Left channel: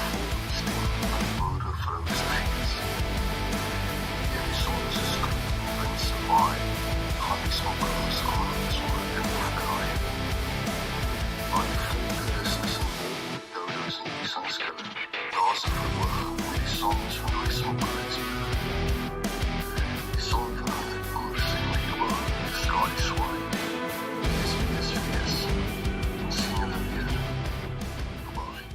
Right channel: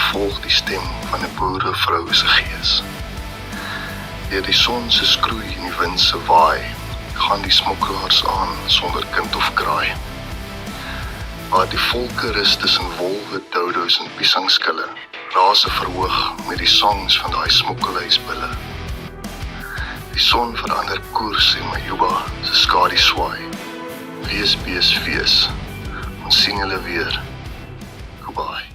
volg die stem van 'n boerevrou se gees. Deur die son se skroei en die wind se waai, gaan die smokkelaars aan sonder kind of kraai. Maar die volke rus tussen wolwe, doudos en piesangskille, raas se verhoog met die songs van daai smokkelhuisbulle. Die son verander koers en Majuba se skadu swaai. Wees, wees, ons sien julle weer. Goodbye.